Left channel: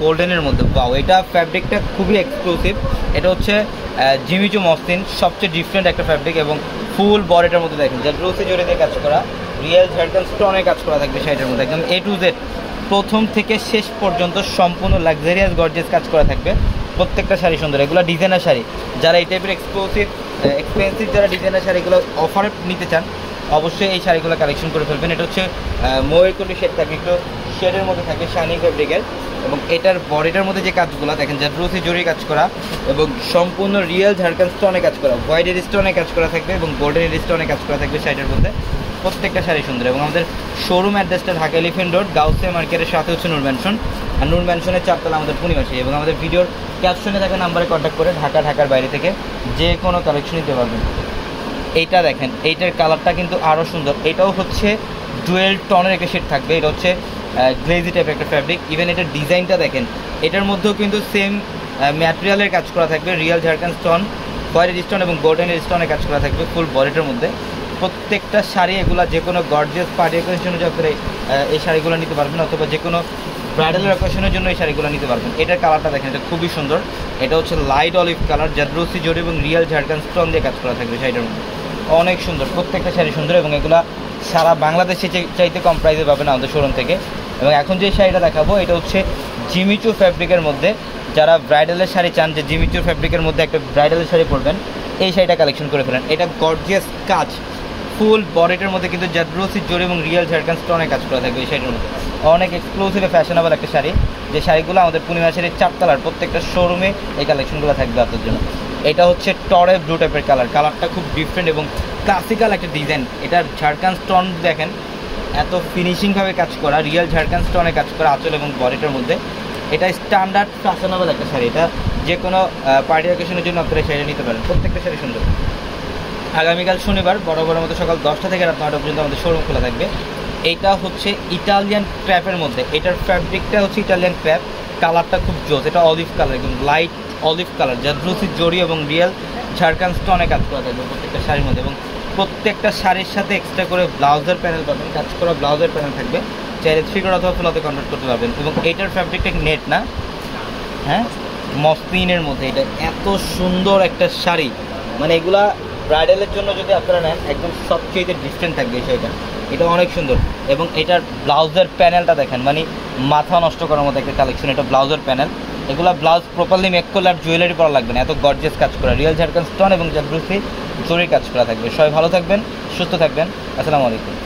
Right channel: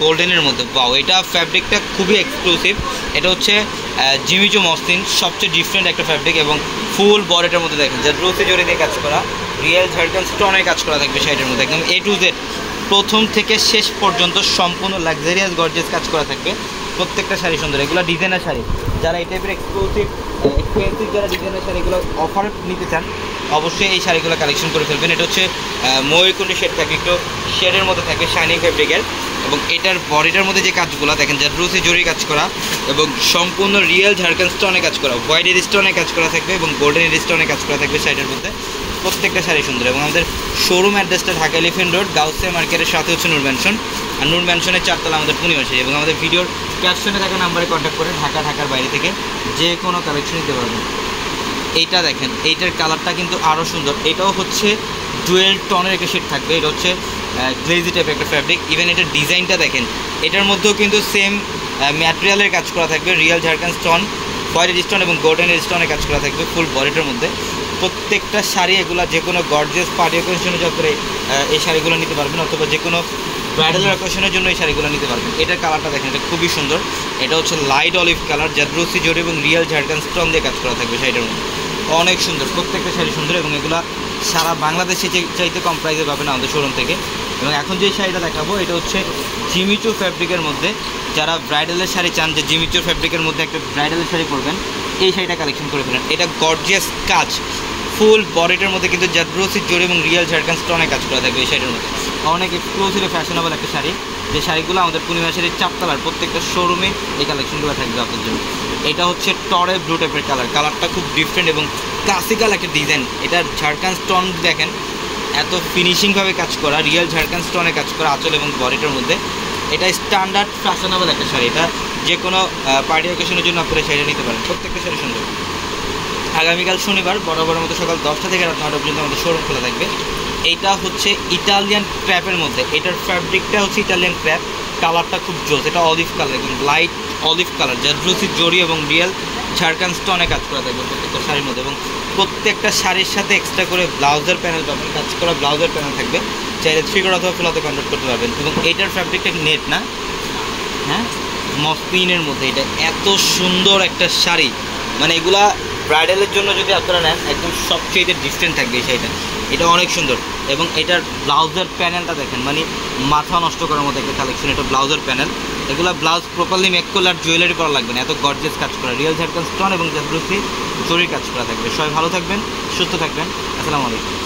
গোল্ডেনের মধ্যে। ওয়াও, এটা ফ্যাব্রিকটা খুবই এক্সক্লুসিভ। এটা হচ্ছে জিমিচু মসলিন, সবচেয়ে ডিফারেন্ট একটা ফ্যাব্রিক এবং ফুল বডিটার মধ্যে দেখেন জারদৌসি জরি দিয়ে কাজ করা, রিয়েল ঝাড়খান্ড স্টোনের কাজ করা থাকবে শাড়িটার মধ্যে, একদম A to Z প্রথম থেকে শেষ পর্যন্ত সম্পূর্ণ লাক্সারিয়াস গর্জিয়াস কাজ করা থাকবে। প্রত্যেকটা শাড়ি সুন্দর, এগুলো ডিজাইনার শাড়ি। যারা এই টাইপের এক্সপেন্সিভ যারা ডিজাইনার শাড়িগুলো অফারে নিতে চান অবশ্যই এই শাড়িগুলো কালেকশন করে ফেলবেন। এটা হচ্ছে ময়ূরকণ্ঠী শেড থাকে, একটু শেডের মধ্যে থাকে, শাইনিং ফ্যাব্রিকের, এবং এটার বডিটার মধ্যে যে কাজগুলো দেখেন জারদৌসি জরি কাজ করা এবং সম্পূর্ণ রিয়েল ঝাড়খান্ড স্টোনে কাজ করা, হোয়াইট স্টোনে কাজ করা থাকবে এবং গোল্ডেন স্টোনে কাজ করা থাকবে শাড়ির মধ্যে। প্রত্যেকটা শাড়ি সুন্দর। এবং আমাদের শোরুম অ্যাড্রেসটা ঢাকা এলিফ্যান্ট রোড, গাউসিয়া মার্কেটের সাথে হচ্ছে নূর ম্যানশন, আর নূর ম্যানশনের 4 তলা আমাদের পূর্ণিমাশাড়ি। এবং আমাদের ভিডিওর ক্যাপশনে থাকা নাম্বারে কন্ট্যাক্ট করে ঢাকার বাইরে থেকে যে কোনো কালেকশন নিতে পারবেন। এইটা দেখেন, এইটার কালারটা কিন্তু আরও সুন্দর। এটাও হচ্ছে ডুয়েল টনের একটা শেড থাকবে। এটা হচ্ছে গ্লেজি টাইপের একটা ফ্যাব্রিক। ইভেন এটার ডিজাইনটা দেখেন, এটার মধ্যেও কিন্তু সেম ম্যাটেরিয়ালের কাজ করা থাকবে, real Jharkhand stone, white stone এবং গোল্ডেন স্টোনে কাজ করা থাকবে ফুল বডিটার মধ্যে। প্রত্যেকটা শাড়ি এগুলো যে কোনো গর্জিয়াস পার্টি অকেশনের জন্য এই শাড়িগুলো নিতে পারবেন, অথবা যে কোনো ব্রাইডাল অকেশনের জন্য এই শাড়িগুলো নিতে পারবেন। এটার কালারটা দেখেন, এটা খুবই সুন্দর। এটা হচ্ছে লাইট অলিভ কালার, জারদৌসি জরি এবং রিয়েল ঝাড়খান্ড স্টোন দিয়ে কাজ করা থাকবে শাড়িটার মধ্যে। অনেক সুন্দর, প্রত্যেকটা শাড়ি সুন্দর এবং এগুলা সারা বাংলাদেশে চাইতে কম প্রাইসে পাবেন আমাদের শোরুম থেকে। এবং এখন যে শাড়িটা দেখাবো এটা হচ্ছে জিমিচু ফ্যাব্রিকের মধ্যে। যারা ব্রাইডালের শাড়ি চান যে জিমিচু ফ্যাব্রিকের মধ্যে একটা ব্রাইডালের শাড়ি পরবেন, এই শাড়িটা কালেকশন করে ফেলেন। এটা গর্জিয়াস কাজ, ফুল বডিটার মধ্যে কিন্তু জারদৌসি জরি এবং রিয়েল ঝাড়খান্ড স্টোনে কাজ করা থাকবে এই শাড়িটার মধ্যে। অনেক এক্সক্লুসিভ ফ্যাশনেবল একটা শাড়ি, যে শাড়িগুলো আমাদের পূর্ণিমাশাড়ির 4 তলার প্রত্যেকটা শোরুমে এই কালেকশনগুলো থাকবে আপনার জন্য। এটা হচ্ছে টরে ব্লু টাইপের কালারটা খুব ডিফারেন্ট এবং ক্লাসিক্যাল একটা ডিজাইন। এটার ঝাড়খান্ড স্টোন দেখেন, এত ফিনিশিংভাবে কাজ করা, রিয়েল ঝাড়খান্ড স্টোনে কাজ করা আঁচল এবং বডিটার মধ্যে। এটা স্ট্যান্ডার্ড ফ্যাশনেবল একটা শাড়ি। এটা যে কোনো পার্টি অকেশনের জন্য আপনারা শাড়ি নিতে পারেন। প্রত্যেকটা শাড়ি সুন্দর। আগামীকাল শনিবার বরাবরের মতো সকাল 10টা থেকে রাত 9টা পর্যন্ত আমাদের শোরুম খোলা থাকবে। এইটা হচ্ছে ইটালিয়ান ক্র্যাপের মধ্যে। এটার ফ্যাব্রিকটা হচ্ছে ইটালিয়ান ক্র্যাপ, কালারটা খুব জোস। এটা অলিভ কালার, একদম লাইট অলিভ কালার, জারদৌসি জরি এবং রিয়েল ঝাড়খান্ড স্টোনে কাজ করা থাকবে প্রত্যেকটা শাড়ির মধ্যে। এবং প্রত্যেকটা শাড়ির সাথে এক্সট্রা করে ব্লাউজের প্যানেল পাবেন, কাজ করা ব্লাউজের প্যানেল থাকবে, চাইলে 3 কোড অথবা ফুলাতে কনভার্ট করতে পারবেন। এবং এইটার ফ্যাব্রিকটা নেট না, হ্যাঁ, মসলিনের মধ্যে। এটা এত সুন্দর একটা শাড়ি, মানে এগুলা ব্রাইডালের জন্য যদি আপনারা নেন একদম সবচেয়ে ডিফারেন্ট থাকবে এই শাড়িটা। এটা অনেক সুন্দর। এবং এটার ব্লাউজের প্যানেলটা দেখেন, মানে মাথা নষ্ট করার মতো একটা কালেকশন। এটা ব্লাউজের প্যানেল, এগুলো ব্লাউজ প্রপারলি মেক করলে আর জুয়েলারি করা লাগবে না, এত গর্জিয়াস কাজ করা, রিয়েল ঝাড়খান্ড স্টোন এবং জারদৌসি জরির কাজ করা থাকবে। সবাই ভালো থাকবেন, সুস্থ থাকবেন। আসসালামু আলাইকুম।